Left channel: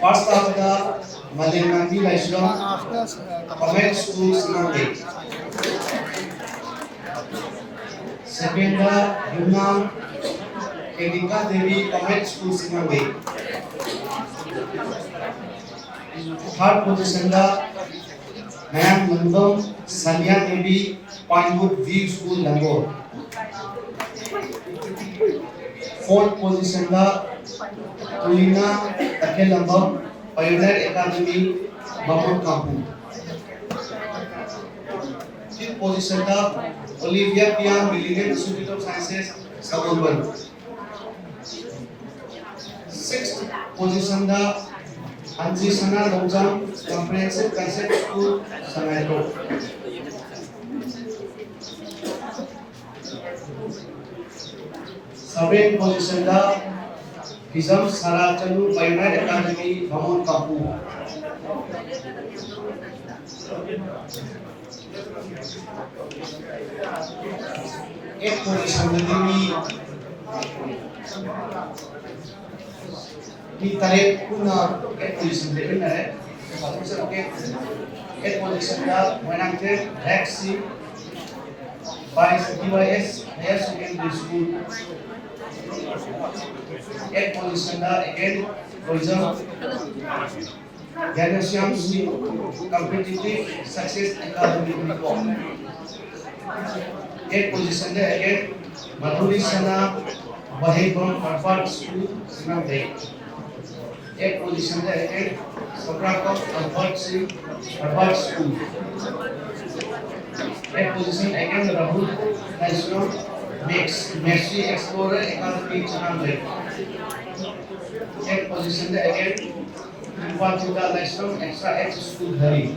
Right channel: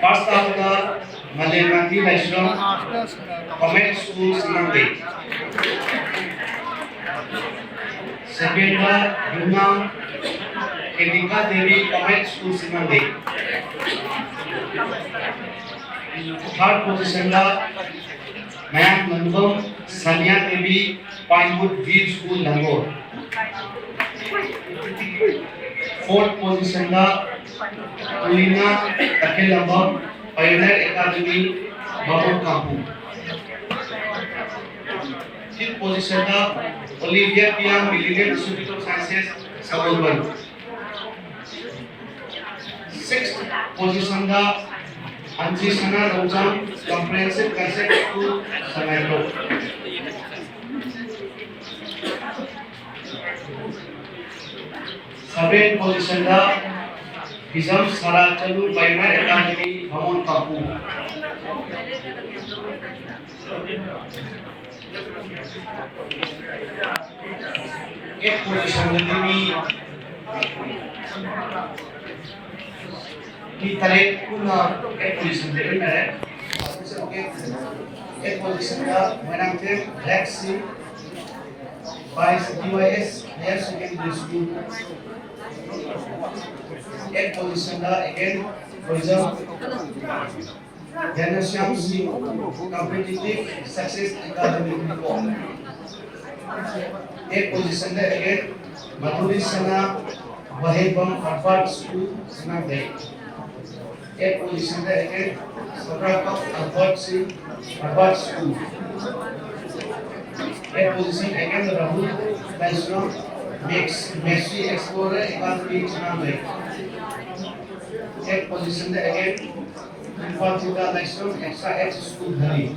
First after Malenati National Convent School Sinambe. Second Yunam Kedika Devi Convent School Sinambe. Third position Ma'am Nandam Sanya Devi Pinewood View School Langor. Fourth position Tulina Takelambam Pioneer Academy Mahmud Kampu. Fifth position Olivia Piam Millennium Institute of Sciences Sabolban. Sixth position Anji Sana Ramjam Comprehensive Concept School Sangato. Seventh position Hizam Sarachalu Primary Academy Bhamon Kapu. Eighth position di tarik kuna eighth position dari mana? Eighth position menang ke Rexi by DYS Higher Secondary School. Eighth position again Wisdom Ganesham Singh Competitive Success Academy Report. Eighth position again Madhuri Sana Wahibam Harvard School Sinambe. Eighth position again Sokrakam Harvard School. Eighth position again Rahul National Messi Explorer Academy Sinambe. Eighth position again Infantita National Extra H School Dhari.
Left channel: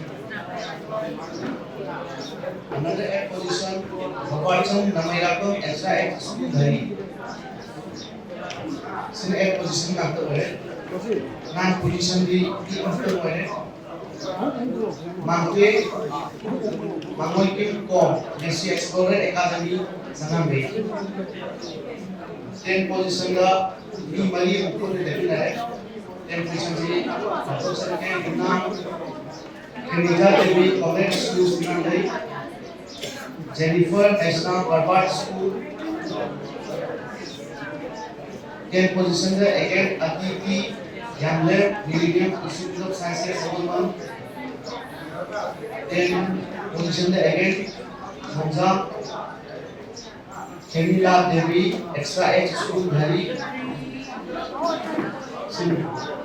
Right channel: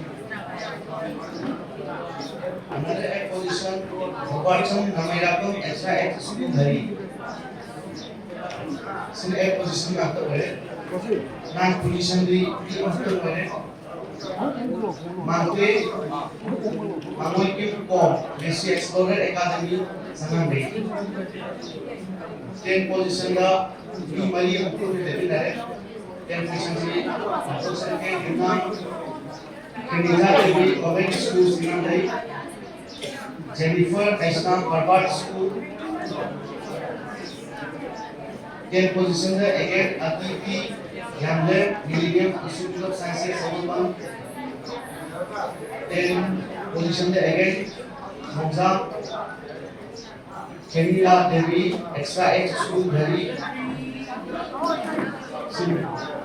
Another eighth position Bhopalcham Namairakum Extra H School Dhari. Sin eighth position after that. Ninth position di after that. Mangoy Kom Messi Explorer Academy Sinambe. Tenth position di Mali Upur Devi Lai. Tenth position di Professor K. Yunam Kendika Devi Convent School Sinambe. Jennifer National Harvard School. Tenth position again Aditi Yamler Millennium Institute of Sciences Sabolban. Tenth position again Hamza Kendila Devi Extra H School Dhari.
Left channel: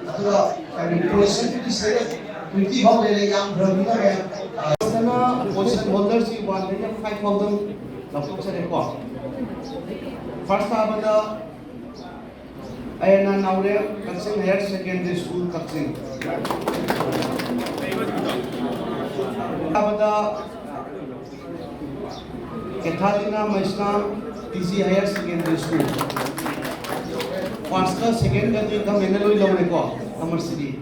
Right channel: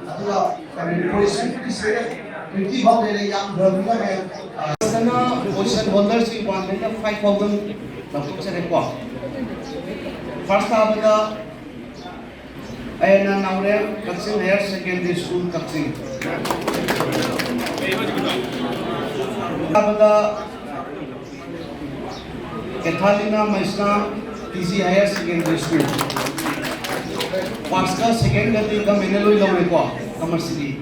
Atua kami position di sana 20 bawah dari yang berminat yang sana position holder si 1,500 dapat saya rekod. First abada ayana naure Katsing Higher Secondary School Katsing. Abada Cathalina Maisna TC Higher Secondary School. First ka second ka ti ka meneloi lawe ko Amar City.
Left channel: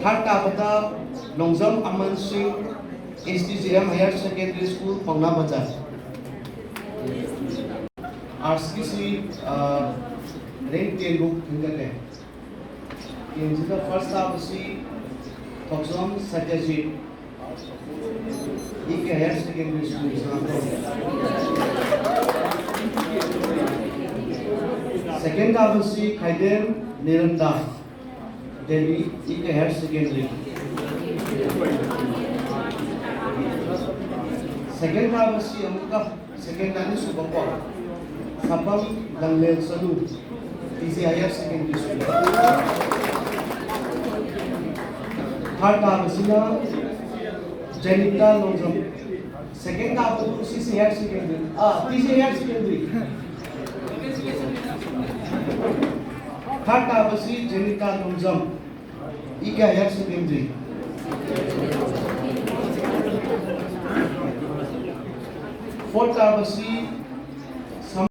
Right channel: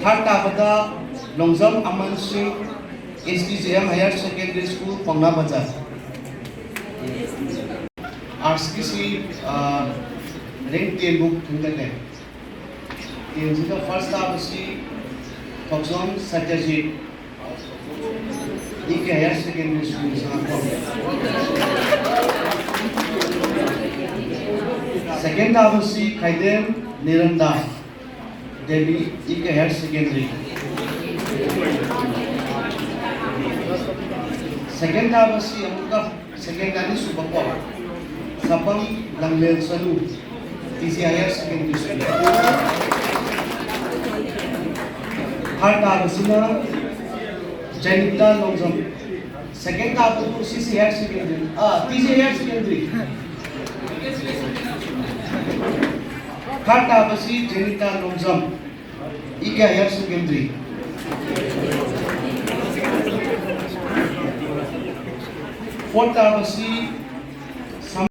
Third abada Longzam Aman Singh STJM Higher Secondary School Pangna Bazar. RCC rank 10 book hinda ke. In the first abasi Toxon Satyajit Ike Higher Secondary School Singapore. Second abasi Khaidem Niranda Devi Ike Higher Secondary. Second abasi amuka second ani Subakwa Sapam Langlel Salu TC Higher Secondary School. Third abasi na Janita Longzam. Second abasi CC Higher Secondary. TC Higher Secondary. Third abasi Janita Longzam. Ike Higher Secondary. Fourth abasi